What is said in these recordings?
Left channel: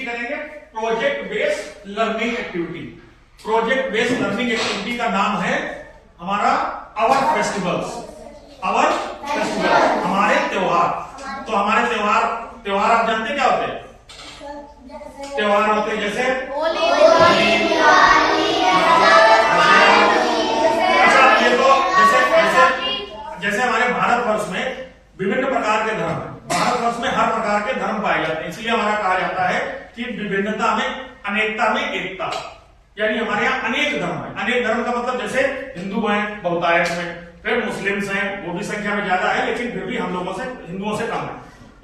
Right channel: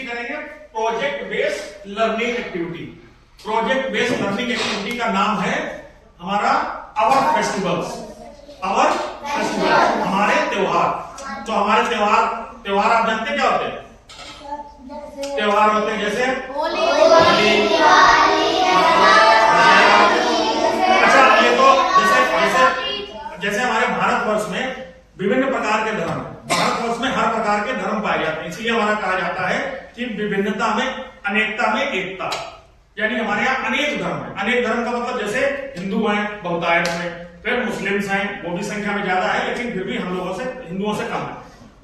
Activity करेंगे, project based learning activity. Project based learning activity का नाम है हमारा आवर फेस्टिवल्स। आवर फेस्टिवल, हमारे त्योहार। तो हमारे त्योहार आप जानते क्या होते हैं? त्योहार होते हैं जैसे होली, दिवाली, अच्छा, ये तो जैसे हमारे भारतवर्ष में विभिन्न प्रकार के धर्म है। भारतवर्ष में हर प्रकार के धर्म पाए जाते हैं, इसलिए हमारा कहा जाता है कि विभिन्नता में अनेकता में एकता। यानी हमारे यहाँ अनेक धर्म है। अनेक धर्म का मतलब जैसे हिंदू हैं बहुतायत में, फिर मुस्लिम्स हैं, वो भी संख्या में ज्यादा है, लेकिन फिर भी हम लोगों से हिंदुओं से कम है।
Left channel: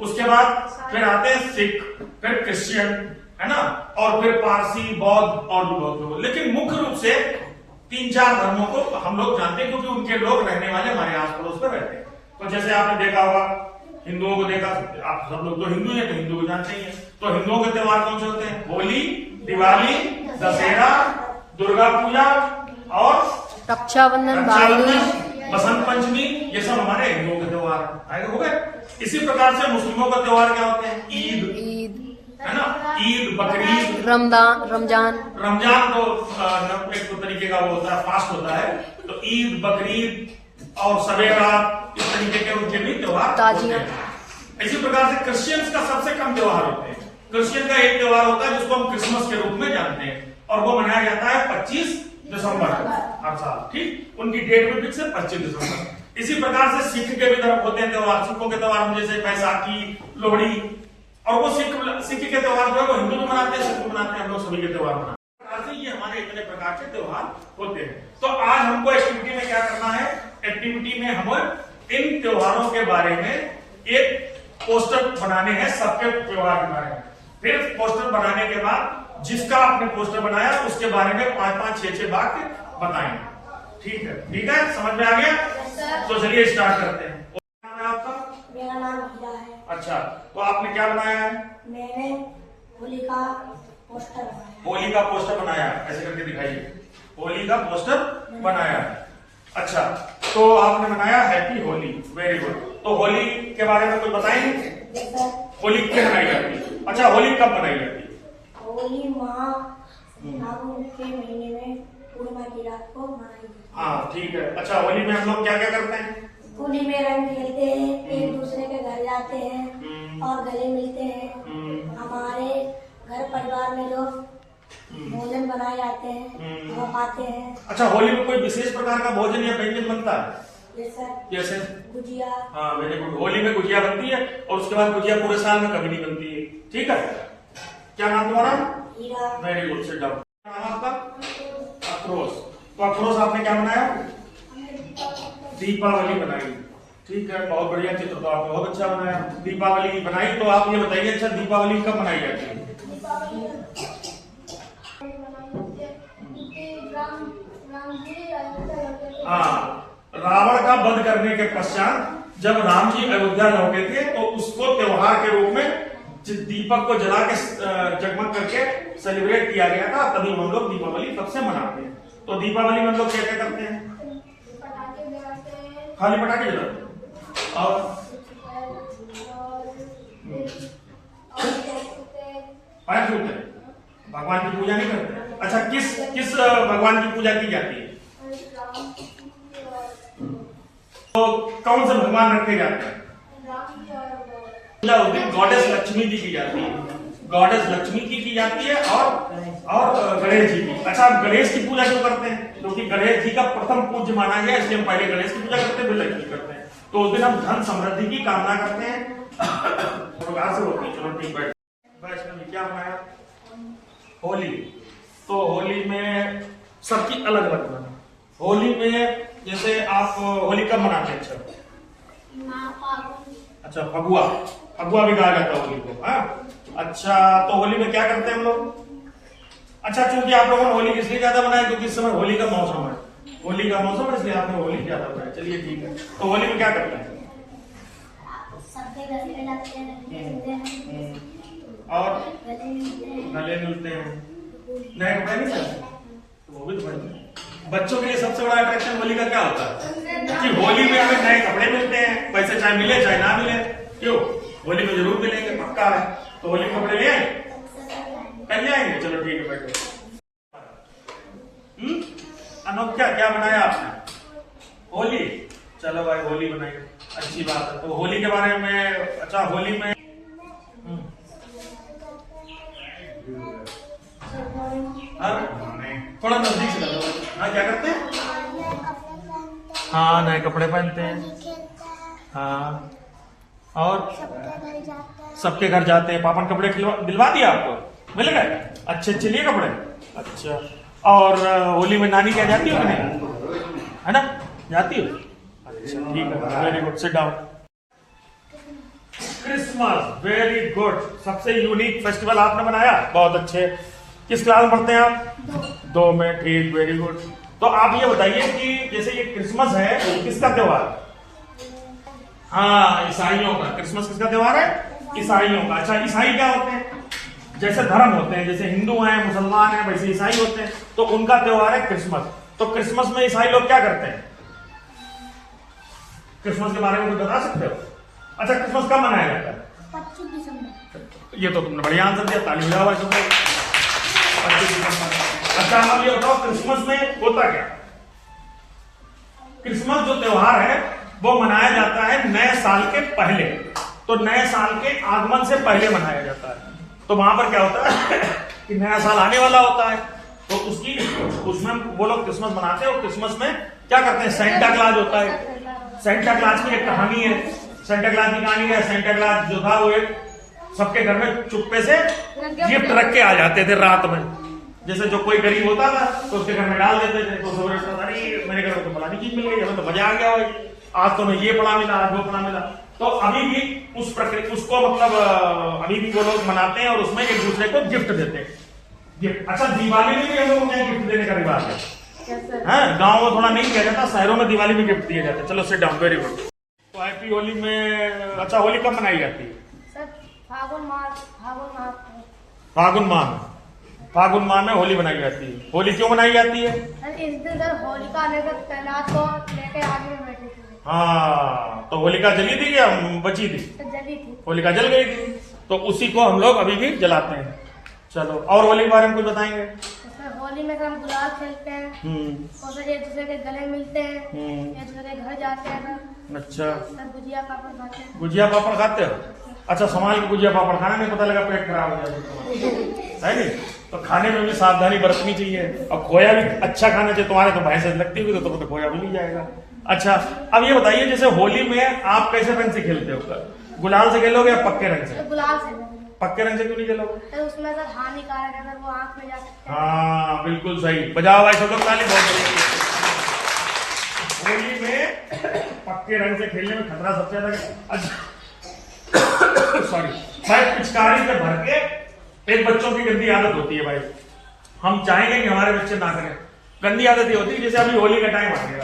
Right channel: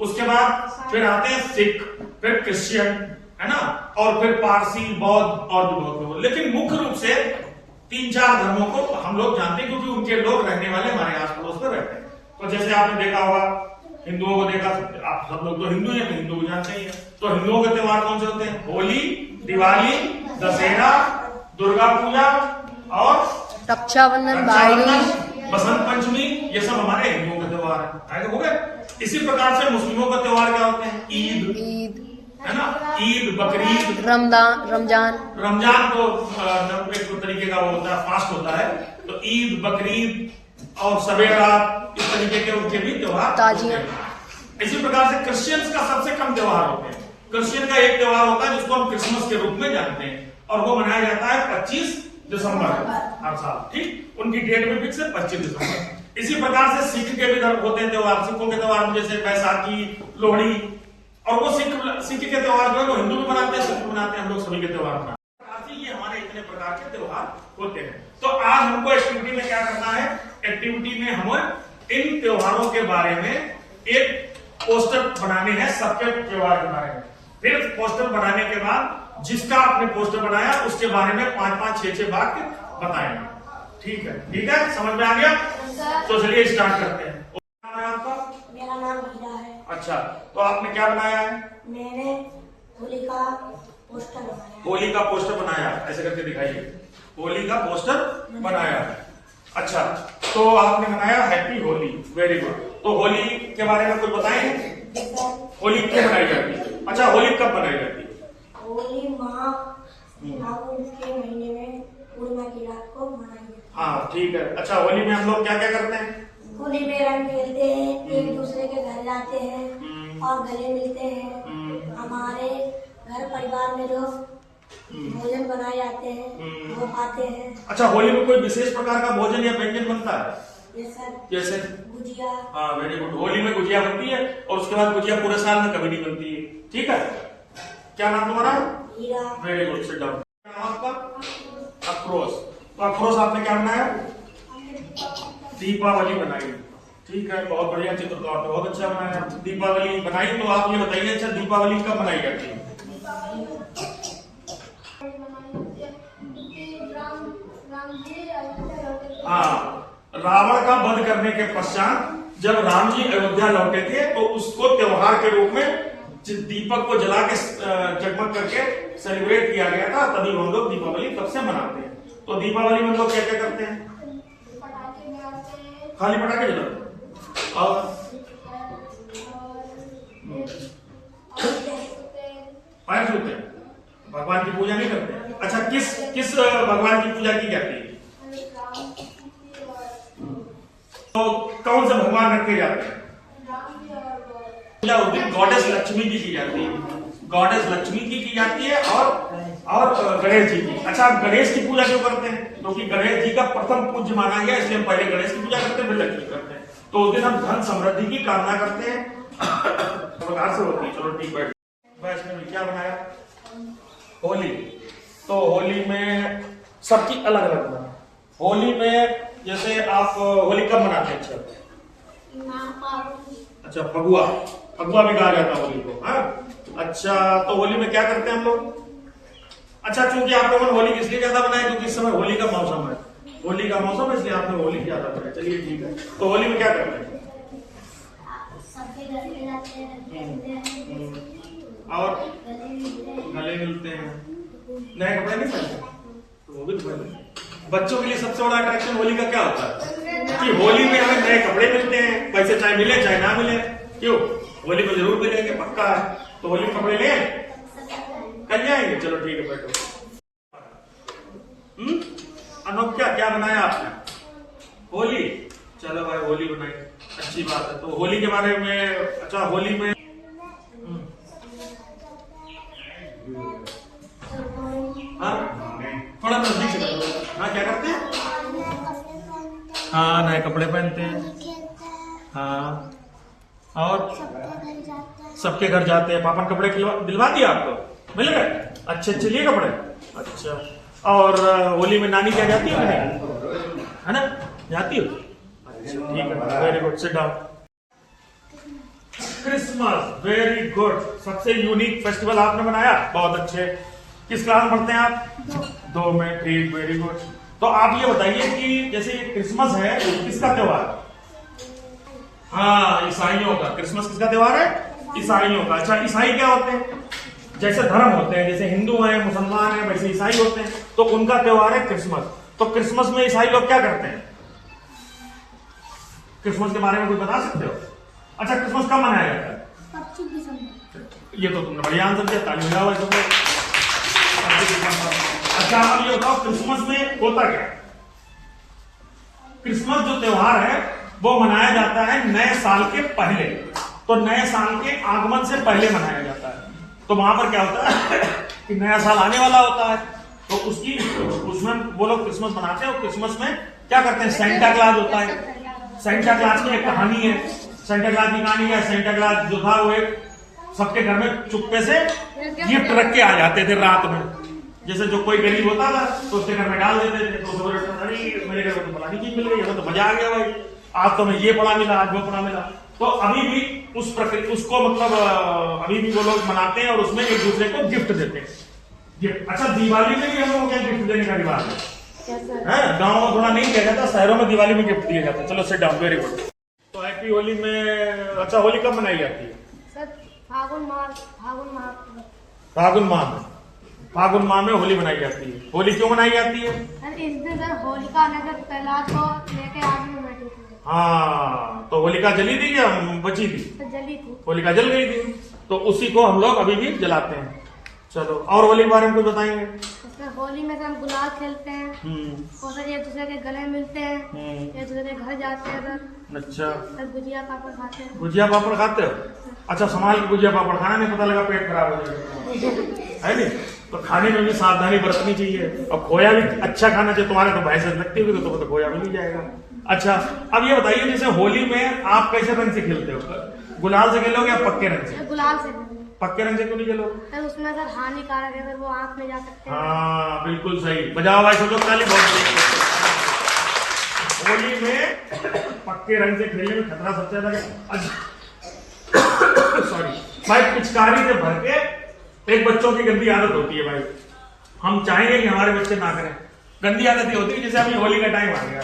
उसके बाद फिर आते हैं सिख, फिर क्रिश्चियन, है ना, और फिर पारसी, बौद्ध और भी बहुत लोग। लेकिन मुख्य रूप से 3-4 धर्मों को हम लोग जानते हैं, क्योंकि उनके लोग रहने वाले हमारे आस पड़ोस में रहते हैं। तो जैसे आपने देखा होगा, हिंदुओं को देखा, आप सब लोग तो हिंदू हैं, तो हिंदू को जानते ही हैं। तो हिंदुओं के त्योहार कौन से होते हैं? होली, दिवाली, दशहरा, दुर्गा पूजा और रक्षाबंधन, भाई दूज, बसंत पंचमी, ये सब हमारे हिंदुओं के त्योहार है। हो गए। इसी प्रकार से मुस्लिमों का त्योहार क्या होते हैं? ईद, है ना, ईद, बकरीद, रमजान तो एक तरीके का वो होता है, फास्ट होता है। तो ईद, बकरीद और सवेरा, इस तरीके के उनके भी त्योहार, ताजिया। इसी प्रकार से क्रिश्चियंस का सबसे कम त्योहार होते हैं। क्रिश्चियन का एक त्योहार होता है जिसको हम क्रिसमस के रूप में जानते हैं, और वो मनाया जाता है 25 दिसंबर हर साल। ठीक, उनकी डेट में फिक्स है 25 दिसंबर। इसी प्रकार से सिख के भी होते हैं त्योहार। सिखों के त्योहार में जैसे बैसाखी, लोहड़ी, और वो सिख के त्योहार जो है वो हिंदू भी मनाते हैं, सिख भी मनाते हैं, हम लोग सभी के त्योहार मनाते हैं। ये हमारे इतने प्रकार के त्योहार होते हैं। तो आज हमको एक्टिविटी में क्या करना है? एक्टिविटी में हम इन त्योहारों के बारे में एक पोस्टर बनाने हैं, सबके त्योहार के बारे में। फिर पोस्टर बनाने के बाद जिसका आपने पोस्टर बनाया उसके बारे में 5-5, 6-6 वाक्य बताएंगे। ठीक है? ठीक है, समझ में आ गया? तो चलिए स्टार्ट करते हैं। क्या नाम है आपका? मेरा नाम हीरा है। अच्छा, तो आपने क्या बनाया है? मैंने होली का पोस्टर बनाया। होली का पोस्टर बनाया, ऐसे करके दिखाइए। होली का पोस्टर बनाया है। अच्छा, तो आपने बनाया हैप्पी होली, वेरी गुड। तो होली के बारे में कुछ बताएंगे? होली क्यों मनाई जाती है? अच्छा, होली कब मनाई जाती है? होली फागुन के महीने में पूर्णिमा की रात को मनाई जाती है। हाँ, ठीक है। अच्छा, होली में हम लोग क्या क्या करते हैं? होली में रंग खेलते हैं, एक दूसरे के घर जाते हैं और गले मिलते हैं। हमारे घर परिवार में जो भोजन बनाए जाते हैं वो खाते हैं। अच्छा, होली में कोई विशेष प्रकार का भोजन या व्यंजन बनता है? जैसे गुजिया। हाँ, वेरी गुड। होली में गुजिया बनती है, और उसके बाद गुजिया पूरे साल में कभी नहीं बनती है। ठीक है, क्या नाम तुम्हारा? Heera. Very good, sit down. क्या नाम आपका? अफरोज। तो अफरोज आपने क्या बनाया? दीपावली बनाई। ठीक है, बहुत बढ़िया चित्र, तो आपने बहुत अच्छा बनाया। दीपावली बनाई, तो आप ये बताइए, अच्छा दीपावली कब मनाई जाती है? हाँ, रावण का वध करने के पश्चात जब राम जी अयोध्या लौटे थे, तो उसको त्योहार के रूप में दीपक को जला के जगमग करके सेलिब्रेट किया गया था। तभी हम लोग दीपावली तब से मनाते हैं। तो दीपावली में हम लोग क्या क्या करते हैं? खाली पटाखे जलाते हैं और पैर छूते हैं, भगवान की पूजा नहीं करते। अच्छा, किस भगवान की पूजा की जाती है? तो कौन से भगवान रखे जाते हैं? पूजा उस दिन गॉडेस लक्ष्मी की जाती है। गॉडेस लक्ष्मी की जाती है और गणेश जी की। अच्छा, आप गणेश की पूजा क्यों करते हैं? क्योंकि गणेश जी का प्रथम पूज्य माना गया, इसलिए हम पहले गणेश की पूजा करते हैं, फिर लक्ष्मी करते हैं। तो उस दिन हम धन समृद्धि की कामना करते हैं। प्रकार से होती है। चलो ठीक है, वैष्णवी क्या बनाया? होली। तो होली में सब चीज अलग अलग बना। होली में जैसे आप होली कब मनाते हैं? अच्छा, फगुआ भी कहा जाता है होली को। हाँ, अच्छा, तो होली में क्या करते हैं हम लोग? अच्छा, चूंकि आप लोगों ने होली इसलिए ज्यादा बनाई क्योंकि इस समय होली का मौसम है। होली का मौसम है, इसलिए आपने होली ज्यादा बनाई। चलिए ठीक है। तो होली में क्या करते हैं? और गले मिलते हैं, नए कपड़े नहीं पहनते, वो भी तो बच्चों के लिए सबसे बड़ा अट्रैक्शन होली का क्या होता है? कि होली में हमें नए कपड़े मिलते हैं, पैसे चाहे मिले चाहे ना मिले। क्यों? होली में जरूर मिलेंगे, पक्का है। तो होली में कपड़े ले कल आएंगे, चलो ठीक है बैठो। अनोख क्या बनाया आपने? होली, चलो भाई होली बनाई, अच्छी बात है। तो होली के बारे में, अच्छा होली में थोड़ा नजदीक से करो। हाँ क्या करते हैं? हाँ नए कपड़े पहनते हैं। हाँ और सबके घर जाते हैं। पापा कपड़े दिलवा दिया आपको? मिल गए? अच्छे लिए कपड़े? अच्छा। और होली में नानी क्या जाती हो नहीं? है ना, जाती हो? अच्छा ठीक है, very good, sit down. Christmas, very good, सबसे यूनिक फेस्टिवल आपने मनाया, बहुत अच्छे। किस क्लास में पढ़ते हैं आप? 2 में, ठीक, वेरी गुड। तो आप ये बताइए कि जैसे ये क्रिसमस है, किसका त्योहार? हाँ ईसाइयों का। क्रिसमस किसका त्योहार है? ईसाइयों का। अच्छा ईसाई क्या होते हैं? जैसे धर्म होते हैं, जैसे हिंदू हैं, मुसलमान हैं, वैसे ईसाई होते हैं, तो उनका त्योहार है क्रिसमस। तो क्रिसमस में ईसाई लोग क्या करते हैं? क्रिसमस के बारे में कुछ बता सकते हो? अच्छा क्रिसमस कब मनाया जाता है? 25 दिसंबर। ये तो तुमने बढ़िया आंसर दिया, ताली बजाओ तुमको। अच्छा अब ये बताओ क्रिसमस में होता क्या? क्रिसमस जो त्योहार है वो मनाया जाता है नए साल के पहले। तो नए साल के आगमन से पहले मनाया जाता है। तो वहां पर क्या होता है कि नया साल आने वाला होता है, तो उसमें वो लोग क्रिसमस मनाते हैं। और क्रिसमस में क्या करते हैं? सेंटा क्लॉज होता है। सेंटा क्लॉज की एक कहानी है। सेंटा क्लॉज की कहानी है, सेंटा क्लॉज जो था वो एक सबके घर में चुप्पे से गिफ्ट रख के आ जाते थे रात में। जैसे जो कोई गरीब होता था तो उसके घर में डाल देते थे। तो मेरे घर में तो फलानी चीज मिल गई, हमें तो मजा आ गया भाई, आज तो हमें ये पड़ा मिला, आज वो पड़ा मिला। तो अभी भी उस प्रक्रिया उसको मतलब अभी भी वो लोग मनाते हैं और उसमें एक दूसरे को गिफ्ट देते हैं। गिफ्ट। अच्छा दिवाली में भी हम लोग क्या गिफ्ट देने का रिवाज है? गाँव में थोड़ा नहीं किया जाता, शहरों में दिवाली में गिफ्ट दिए जाते हैं। चलो सिट डाउन, वेरी गुड। तो हैप्पी होली में, अच्छा होली कब मनाई जाती है? फागुन माह फागुन माह में होली मनाई जाती है। होली क्यों मनाई जाती है? इस दिन होलिका लेकर प्रहलाद को लेके आग में बैठी थी। हाँ तो होलिका जली थी या बची थी? तो जली थी। होलिका जल गई थी, तो उसी को हम लोग अभी भी जलाते हैं। चलो और होली के बारे में कुछ बताएंगे? उसमें होली में हम गुलाल खेलते हैं और फिर एक दूसरे के गले मिलते हैं, एक दूसरे के घर जाते हैं। अच्छा, गुजिया पापड़ खाते हैं। गुजिया पापड़ खाते हो? अच्छा संभाल के गुजिया पापड़ खाना, नहीं पता लगा पेट खराब हो जाएगा, है नहीं? तो खाने में भी सावधानी बरतनी चाहिए। और खोया भी अच्छा खाना चाहिए। तुम्हारे तो भैंस लगती होगी तो तुम्हें खोया भी नहीं जाएगा। अच्छा अब ये बताइए जैसे होली में आप कैसे रंग से खेलते हो? गुलाल से खेलोगे या पक्के रंग से? गुलाल से। पक्के रंग से क्यों नहीं खेलोगे? उसमें अगर हानिकारक है, अगर वो आंख में जा सकते हैं। हाँ बिल्कुल सही, बजाओ भाई शोक ताली, बहुत बढ़िया। होली में पक्के रंग से खेलने में खतरा सबसे ज्यादा सॉरी भाई, पिचकारी से भर के एक बच्चों की गंदी आदत होती है भाई। हम चाहेंगे कि हमारे बच्चे ना करें। गंदी आदत ये होती है जैसे अभी होली का टाइम आ गया,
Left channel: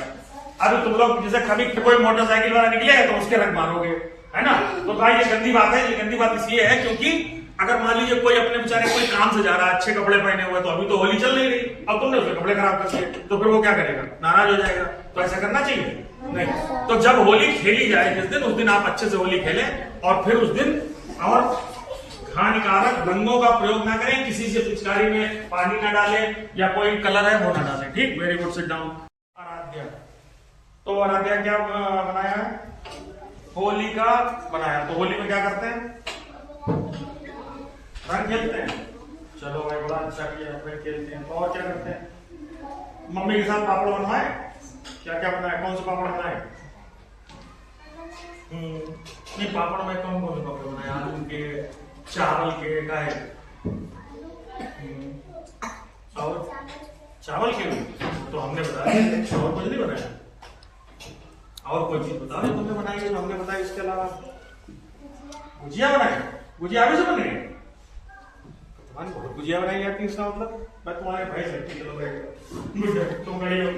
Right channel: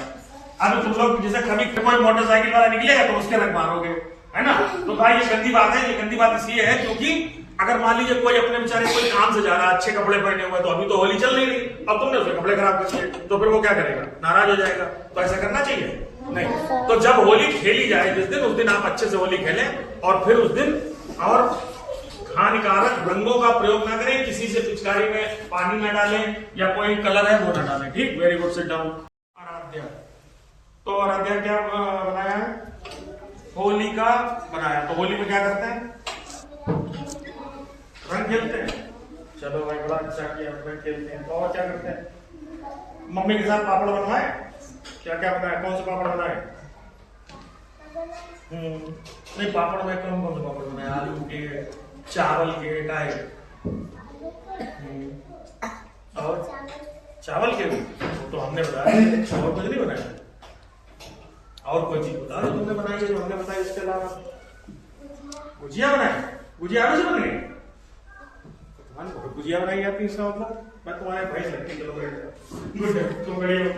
अभी तुम लोग जैसे कभी कोई मोटरसाइकिल वाला निकलेगा तो उसके रंग मारोगे, है ना? तो भाई ये गंदी बात है। ये गंदी बात इसलिए है क्योंकि अगर मान लीजिए कोई अपने बेचारे कोई काम से जा रहा है, अच्छे कपड़े पहने हुए, तो अभी तो होली चल नहीं रही, अब तुमने उसके कपड़े खराब कर दिए, तो फिर वो क्या करेगा? नाराज हो जाएगा। तो ऐसा करना चाहिए नहीं। तो जब होली खेली जाए जिस दिन, उस दिन आप अच्छे से होली खेलें और फिर उस दिन और हानिकारक रंगों का प्रयोग ना करें, किसी से पिचकारी में पानी ना डालें या कोई कलर है वो ना डालें। ठीक, very good, sit down. Aaradhya, तो आराध्या क्या बनाया है? होली का बनाया। तो होली में क्या करते हैं? रंग खेलते हैं। चलो भाई बड़ा अच्छा किया, रंग खेलते हैं। तो और क्या करते हैं? मम्मी के साथ पापड़ बनवाए? क्या क्या बनाया? कौन से पापड़ बनाए? नहीं पापड़ में कौन कौन से पापड़ बनाए? आलू के, चावल के, काहे? और चावल के भी तो हमने बताया, और कुछ नहीं बनाया। और कोई चीज बताओ जो तुमने बनाई है, जो हमने बताया इसके अलावा। गुजिया बनाई? गुजिया आलू से बन गई? तुम्हारी बहुत गुजिया बनाई जाती है, इसका मतलब मैं तुम्हारे भाई सकती। चलो बैठ, गुड, तुम खड़ी हो।